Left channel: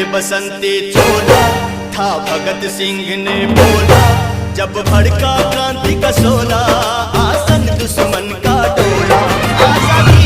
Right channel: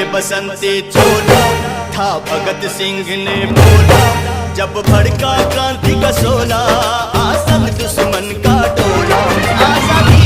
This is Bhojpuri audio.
पहले बसंती चोला था भगत सिंह ने बोला, जब भड़का क्रांति का शोला, आसन दुश्मन का टोला। आजादी